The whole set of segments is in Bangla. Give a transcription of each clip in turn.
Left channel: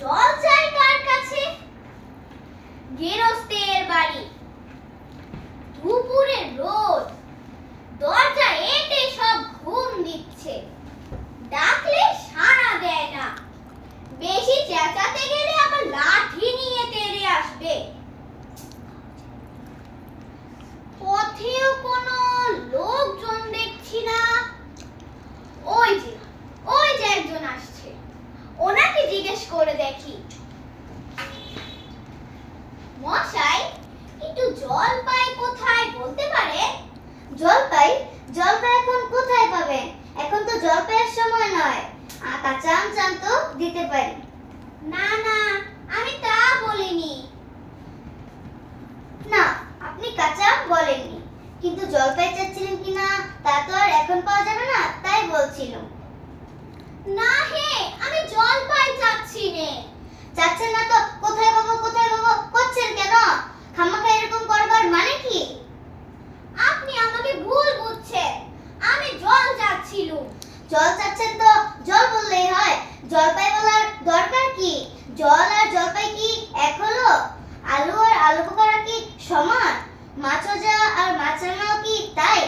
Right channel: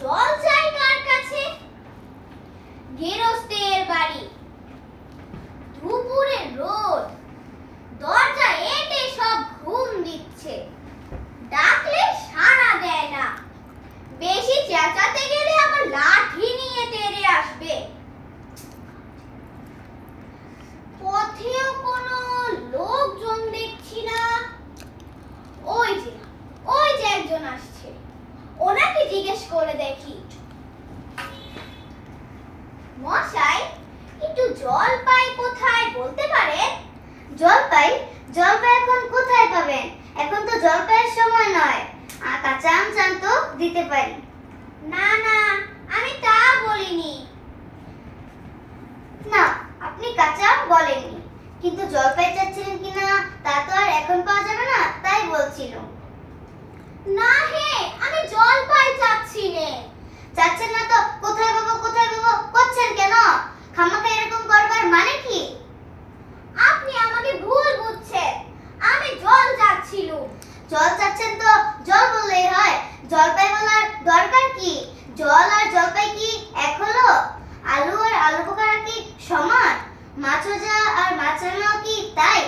জল চাই কার কাছে। গেরস্তের বাড়ি। দুপুরের রোদ। দরজা এতে সব ঘুম দিচ্ছে। ডাকলে সাড়া দেয় না। বেশি চেঁচাতে গেলে আবার লাঠি নিয়ে তেড়ে আসবে। পথেও কোনো লোকজন দেখছি না। ওই যে ওই যে একজন আসছে। জিজ্ঞেস করে দেখি। মশাই, একটু জল পাই কোথায় বলতে পারে জল পাই জল পাই এখন কোথায় পাবেন? এখন তো জল পাইয়ের সময় নয়। আকা চান চান তো দিতে পারি। না না, আমি তা বলিনি। না, আপনি কাঁচা বলেননি। কিন্তু জল পাই চাচ্ছিলেন কিনা, তা তো আর এখন পাওয়া যাবে না, তাই বলছিলাম। না হে, আমি জলপাই চাচ্ছি নে। চাচ্ছেন না তো, কোথায় পাবো কোথায় পাবো, করছেন কেন? খামাখা এরকম করবার মানে কি? আপনি আমাকে ভুল বুঝছেন। আমি জল চাচ্ছিলুম জল চাচ্ছেন তো, জল বললেই হয়। জলপাই বলার দরকার কি? জল আর জলপাই কি এক হলো? আলু আর আলু বোখারা কি সমান? মাছজা আর মাছরাঙাও কি তাই?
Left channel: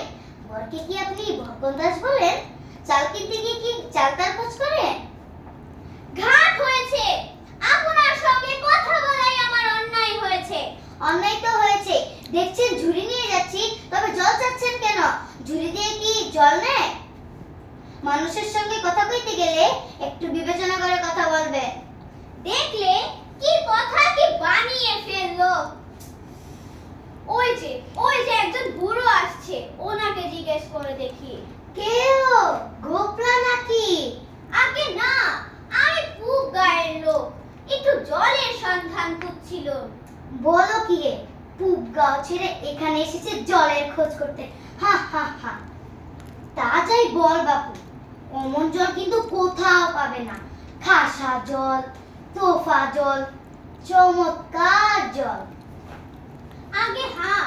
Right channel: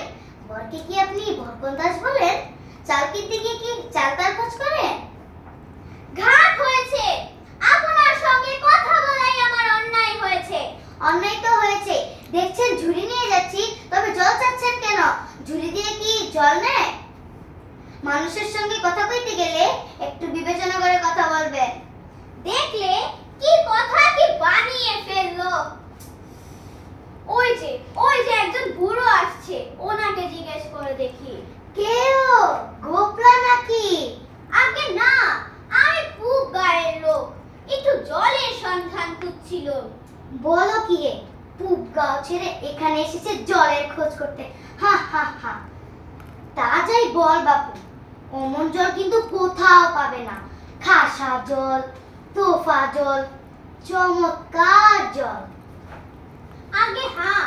বরকে কি আপনি বরকন্দাস বলেন চাল কিনতে গিয়ে কি চালতার খোঁজ করেন ঘাট হয়েছে। আপনার সঙ্গে কথা বলাই আমার অন্যায় হয়েছে। অন্যায় তো হয়েছে। দেখছেন, ঝুড়ি নিয়ে যাচ্ছি, তবে জল চাচ্ছেন কেন? ঝুড়ি দিয়ে কি জল নেয়? মানুষের সঙ্গে কথা কইতে গেলে একটু বিবেচনা করে কথা বলবেন। দেখলে কি কথা কি বানিয়ে ফেলল। ওই যে ওই যে একজন বুড়ো আসছে, ওনাকে জিজ্ঞেস করে দেখি। বলো কি? পূব গাঁও ছেড়ে এখানে এসেছে জলের খোঁজ করতে। হা হা হা। তা যাই বল বাপু, অমন জল কিন্তু কোথাও পাবে না। খাসা জল, তোফা জল, চমৎকার জল। আগে হ্যাঁ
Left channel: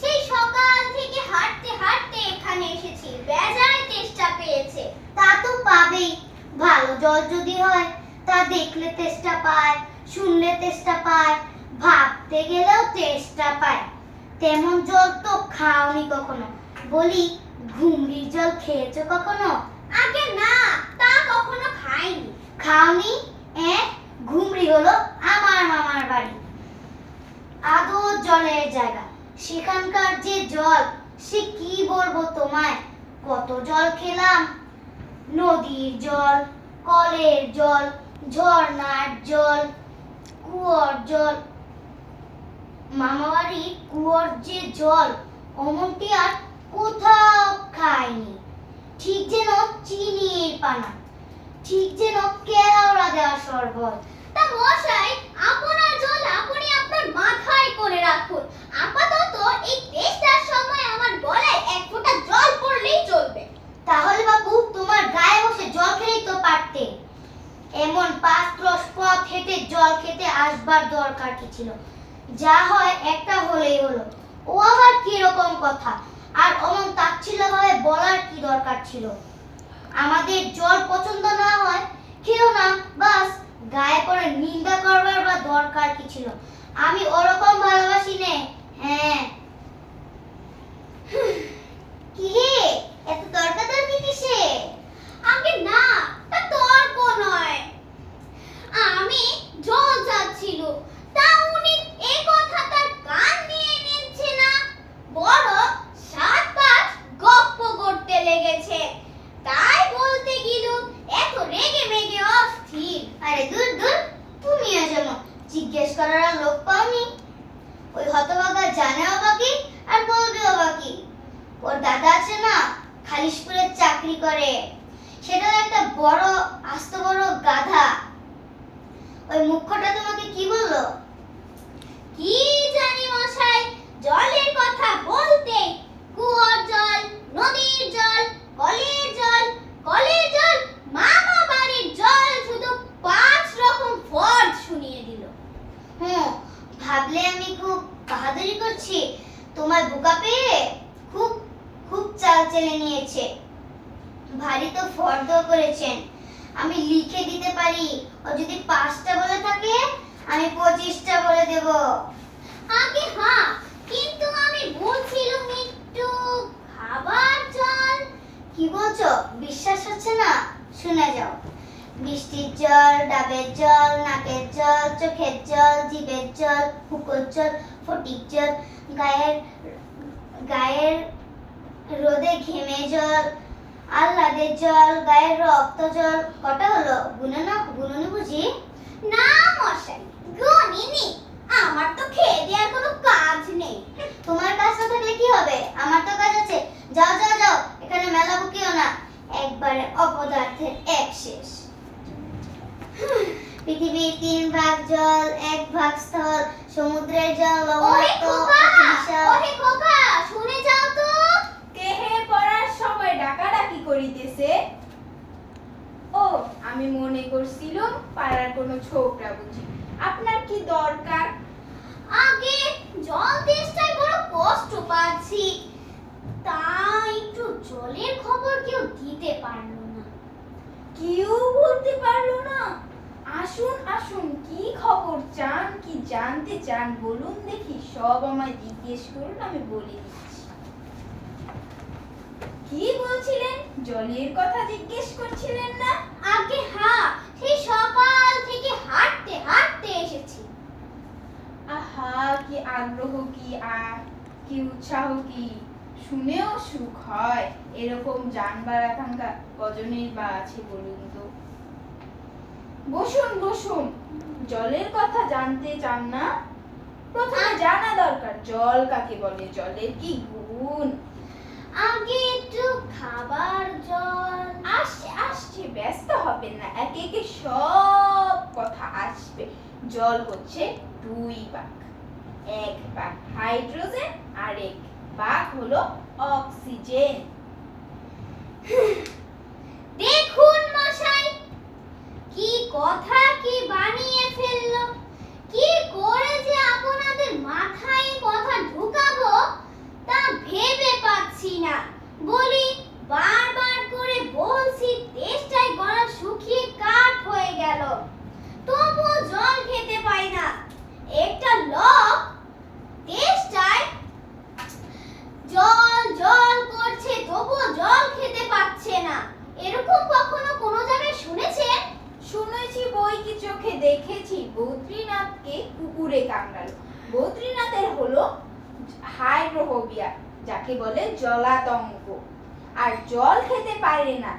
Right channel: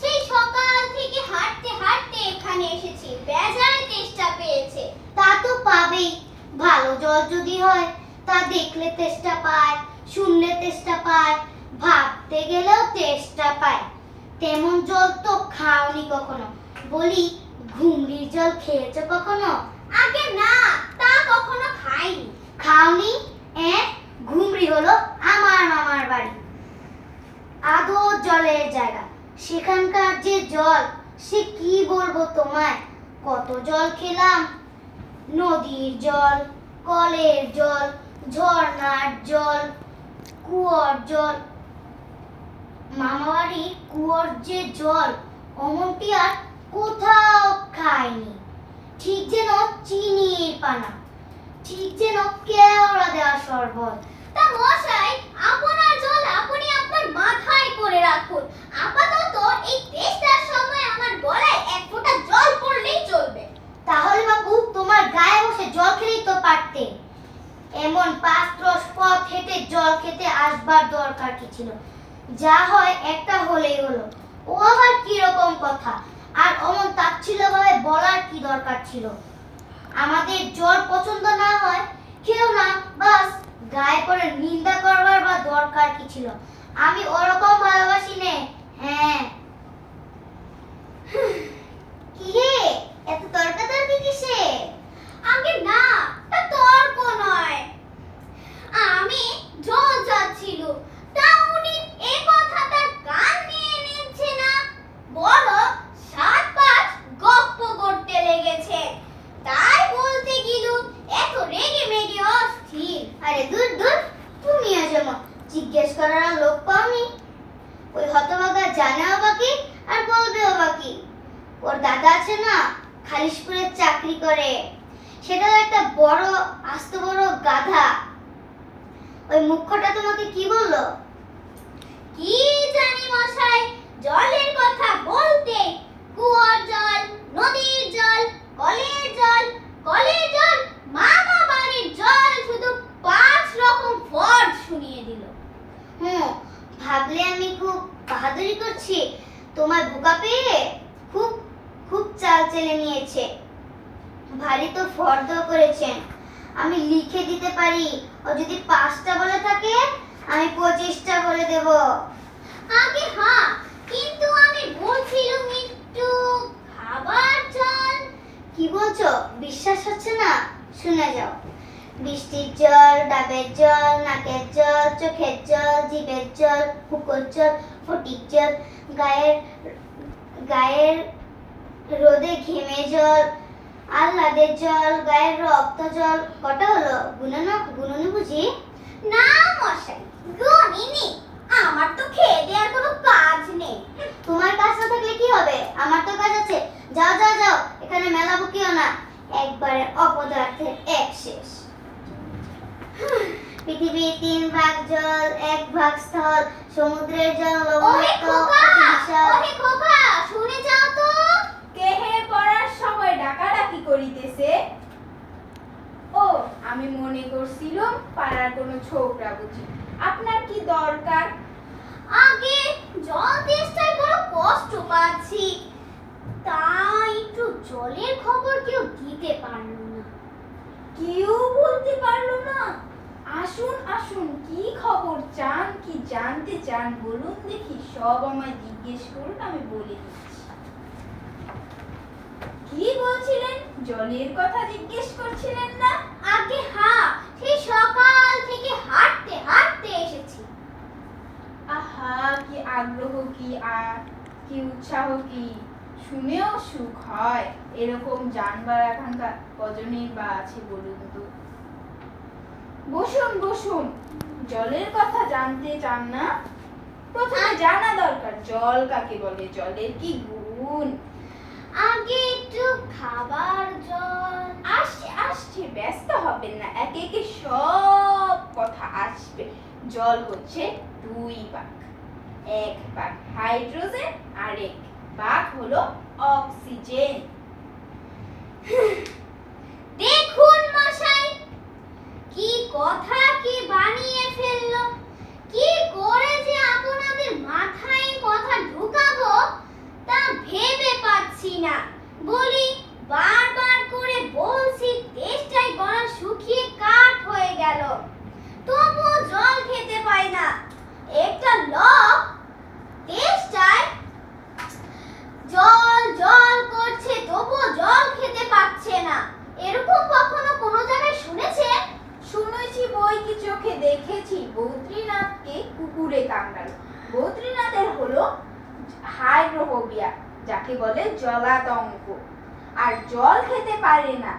সেই সকাল থেকে হাঁটতে হাঁটতে এখানে এসেছি বেজায় তেষ্টা পেয়েছে তা তো পাবেই ভালো জল যদি হয় তা দেখলে তেষ্টা পায় শুনলে তেষ্টা পায় ভাবতে গেলেও তেষ্টা পায়। তেমন জল তো খাওনি কখনো। বলি ঘুমড়ির জল খেয়েছো কখনো? আগে না তা কখনো খাইনি। খাওনি? এ ঘুমড়ি হলো আমার মামার বাড়ি। আদো জলের জায়গা। সেখানকার যে জল সে কি বলব তোমায়? কত জল খেলাম নদীর জল, কলের জল, ঝর্ণার জল, কুয়োর জল। মামাবাড়ির কুয়োর যে জল, অমনটি আর কোথাও খাইনি ঠিক যেন চিনির পানা। ঠিক যেন কেওড়া দেওয়া শরবত। তা মশাই, আপনার জল আপনি আপনার মাথায় করে রাখুন। আপাতত এই তেষ্টার সময় আমার গলায় এক ফোঁটা জল পড়লেই চলবে। তাহলে বাবু তোমার গায়ে বসে জল খেলেই তো পারতে। এমন দশ পথ হেঁটে জল খেতে আসবার দরকার কি ছিল? যা হয় একটা হলেই হলো। ও আবার কি রকম কথা? আর অমন তাচ্ছিল ভাবে বলার কি দরকার ছিল? আমাদের জল পছন্দ না হয়, খেও না, বাস। গায়ে পড়ে নিন্দা করবার বা দরকার কি ছিল? আমি ওরকম ভালোবাসি নে। হ্যাঁ কি হে এত তর্কাতর্কি কিসে আগে না তা তর্ক নয় আমি জল চাচ্ছিল তা উনি এই কথা তার কান দিয়ে নিচ্ছে না বড় সাত পাঁচ গপ্প করতে লেগেছে তাই বলতে গেলুম এত রেগে মেগে অস্থির আরে দূর দূর তুমিও যেমন জিজ্ঞেস করার আর লোক পাওনি ওই হতভাগা জানেও বাকি আর বলবেও বাকি ওর দাদা আছে না খালিশপুরের চাকরি করে সেটাও একটা বড়, আস্ত বড় গাধা। ওই মুখ্যটা তোমাকে কি বলল? কি জানি মশাই, জলের কথা বলতে। কুয়োর জল, নদীর জল, কলের জল কলের জল, মামা বাড়ির জল শুধু পাঁচ রকম ফর্দ শুনিয়ে দিল। হুম, ভাবলে আমি খুব বাহাদুরি করছি। তোমার বোকা পেয়ে খুব খুব চাল চেলে নিয়েছে। ভারী তো ফর্দ করেছেন। আমি লিখে দিতে পারি ও যদি পাঁচটা বলে থাকে আমি পঁচিশটা বলে দেব। আগে হ্যাঁ কিন্তু আমি বলছিলাম একটু খাবার জল। কি বলছো? বিশ্বাস হচ্ছে না? শুনে যাও। বৃষ্টির জল ডাবের জল নাকের জল চোখের জল জিভের জল হুকোর জল ফটিক জল গায়ের গায়ের রোদে ঘেমে জল আহ্লাদের জল, গায়ের রক্ত জল, কটা হলো? গুনে না গুনুনি বুঝি। না মশাই গনিনি আমার তো খেয়ে দেওয়ার কোনো কাজ নেই। তোমার কাজ না থাকলে কি হবে? আমার তো কাজ আছে। যাও যাও যাও, এখানে মেলা বকিও না। একবারে অপদার্থের এক শেষ। পৃথিবীর তিন ভাগ জল, এক ভাগ স্থল, সমুদ্রের জল ওহে লবণাক্ত খোকা অতি বিশাল। ওহে খোকা শুনে যাও তো কেহে পড়ার সময় ডাকাডাকি করিতেছে ও আমি মনে করছিলাম পাড়ার কোনো ছোকরা বুঝি। আপনার কি দরকার? আগে জল তেষ্টায় বড় কষ্ট পাচ্ছি। তাই একটু জলের খবর কেউ দিতে পারল না। কেউ বলতে পারল না? আসুন আসুন কি খবর চান কি জানতে চান বলুন দেখি সব আমায় জিজ্ঞেস করুন আমি বলে দিচ্ছি। কি বলছিলেন? জলের কথা জিজ্ঞেস করছিলেন না? আগে হ্যাঁ সেই সকাল থেকে হাঁটতে হাঁটতে এসেছি। আহা কি আগ্রহ কি আ- কি উৎসাহ কি শুনেও সুখ হয়। এরকম জানবার এখনকার কজনেই বা আছে বলুন তো। বসুন বসুন জলের কথা জানতে চান না? প্রথমে জানা দরকার জল কাকে বলে? জলের কি গুণ? আগে একটু খাবার, জল। আসছে আসছে, ব্যস্ত হবেন না। একে একে সব কথা আসবে। জল হচ্ছে দুই ভাগ। এক ভাগ হাইড্রোজেন আর এক ভাগ হলো অক্সিজেন দেখুন মশাই কি কথা কি বানিয়ে ফেলল কি করে যে আপনাদের মাথায় এই কথা ঢুকাবো তা ভেবে পাচ্ছি না বলি বারবার করে বলছি তেষ্টায় গলা শুকিয়ে কাঠ হয়ে গেল তবুও জল খেতে পাই না একটা লোক তেষ্টায় জল জল করছে তবুও জল খেতে পাচ্ছে না এরকম কখনো কোনো জায়গায় শুনেছেন শুনেছি বই কি চোখে দেখেছি বদ্রীনাথকে কুকুরে কামড়ালো বদ্রীনাথের হলো হাইড্রোফোবিয়া যাকে বলে জলাতঙ্ক। আর জল খেতে পারে না।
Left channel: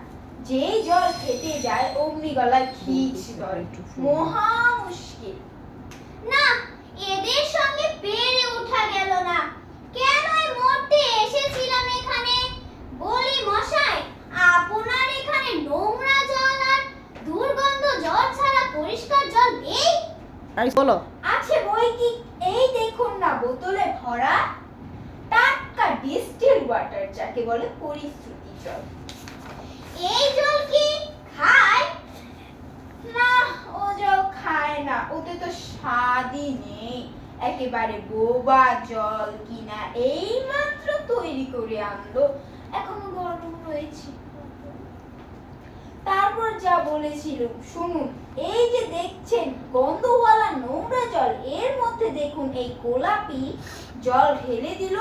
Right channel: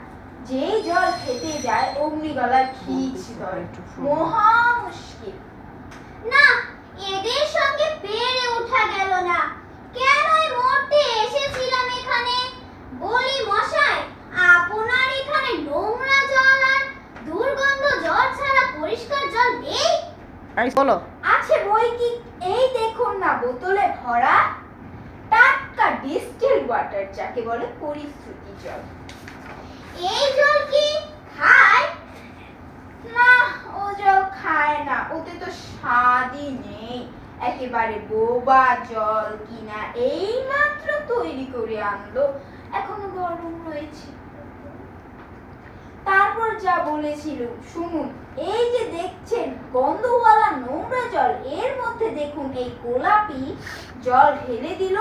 যেই জল খেতে যায় অমনি গলায় খিচ ধরে। মহা মুশকিল। না এদের সঙ্গে পেরে ওঠা গেল না। কেনই মরতে এসেছিলাম এখানে? বলি মশাই আপনার এখানে নোংরা জল আর দুর্গন্ধ জল ছাড়া পরিষ্কার জল নেই? আই বলো। আছে বই কি এই দেখুন না বোতলে ভরা টাটকা ডিস্টিল ওয়াটার যাকে বলে পরিশ্রুতি জল। এই জল কি খায়? না, ও জল খায় না। ওতে তো স্বাদই নেই। একেবারে বোবা জল কিনা এই মাত্র তৈরি করে আনলো। এখনও গরম রয়েছে। তারপর যা বলেছিল, শুনুন, এই যে দেখছেন, গন্ধওয়ালা নোংরা জল, এর মধ্যে দেখুন এই গোলাপি জল ঢেলে দিল।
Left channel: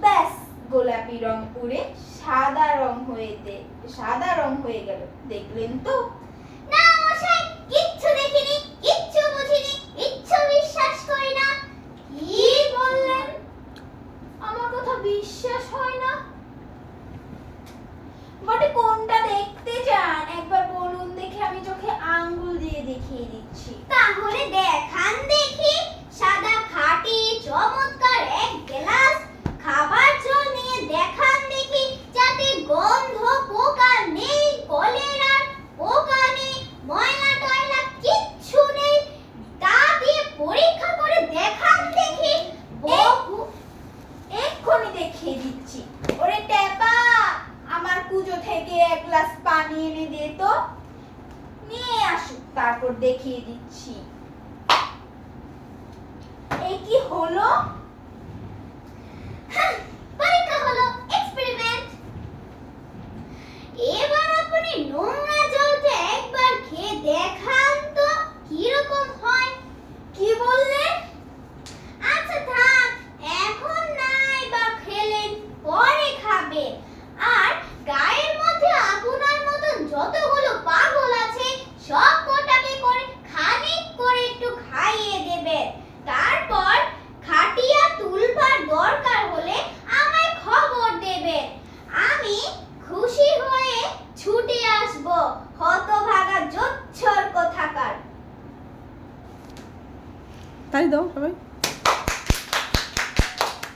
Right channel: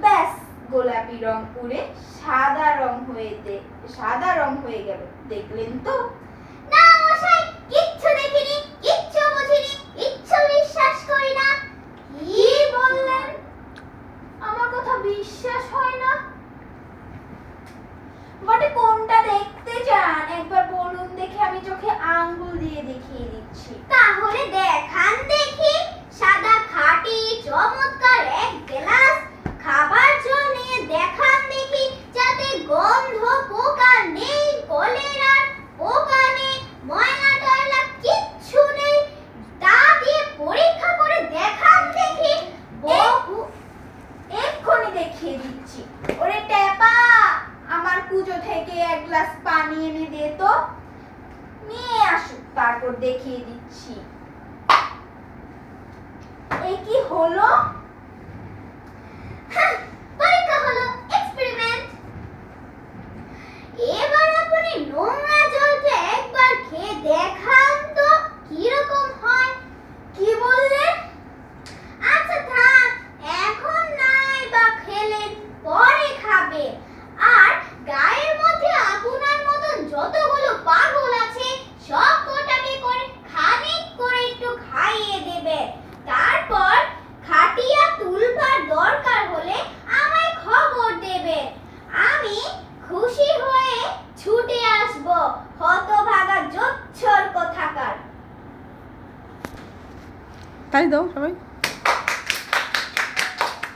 ব্যাস গোলাপি রং উড়ে সাদা রং হয়ে দে- সাদা রং হয়ে গেল। দেখলেন তো? না মশাই কিচ্ছু দেখিনি কিচ্ছু বুঝিনি কিচ্ছু বিশ্বাস করি না। কি বললেন? আমার কথা বিশ্বাস হয় না। বটে কোনটা দেখতে চান? একবার বলুন দেখে আমি চোখে আঙ্গুল দিয়ে দেখিয়ে দিচ্ছি। তাহলে দেখি সাদা খাঁটি চমৎকার এক গ্লাস খাবার জল নিয়ে দেখান দেখি যাতে গন্ধ পোকা নেই কলেরার পোকা নেই ময়লা টয়লা কিচ্ছু নেই তা দিয়ে পরীক্ষা করে দেখান দেখি বহু দেখিয়ে দিচ্ছি। ওরে টেপা আমার পুজো থেকে এক গ্লাস পানি এনে দে তো। নিয়ে আসুক তারপর দেখিয়ে দিচ্ছি। এই কি হলো? হ্যাঁ, পরীক্ষা হলো এক্সপেরিমেন্ট এবার আপনি নোংরা জলটা একবার খেয়ে দেখান তো কি রকম হয় কি বললেন আচ্ছা থাক এখন নাই বা খেলেন পরে খাবে আর গায়ের মধ্যে আপনার মতন যতগুলো পাগল আছে সব কটাকে করে খানিক করে একটু খাইয়ে দেবে তারপর খাটিয়া তুলবার দরকার হলে তালি দাও সবাই।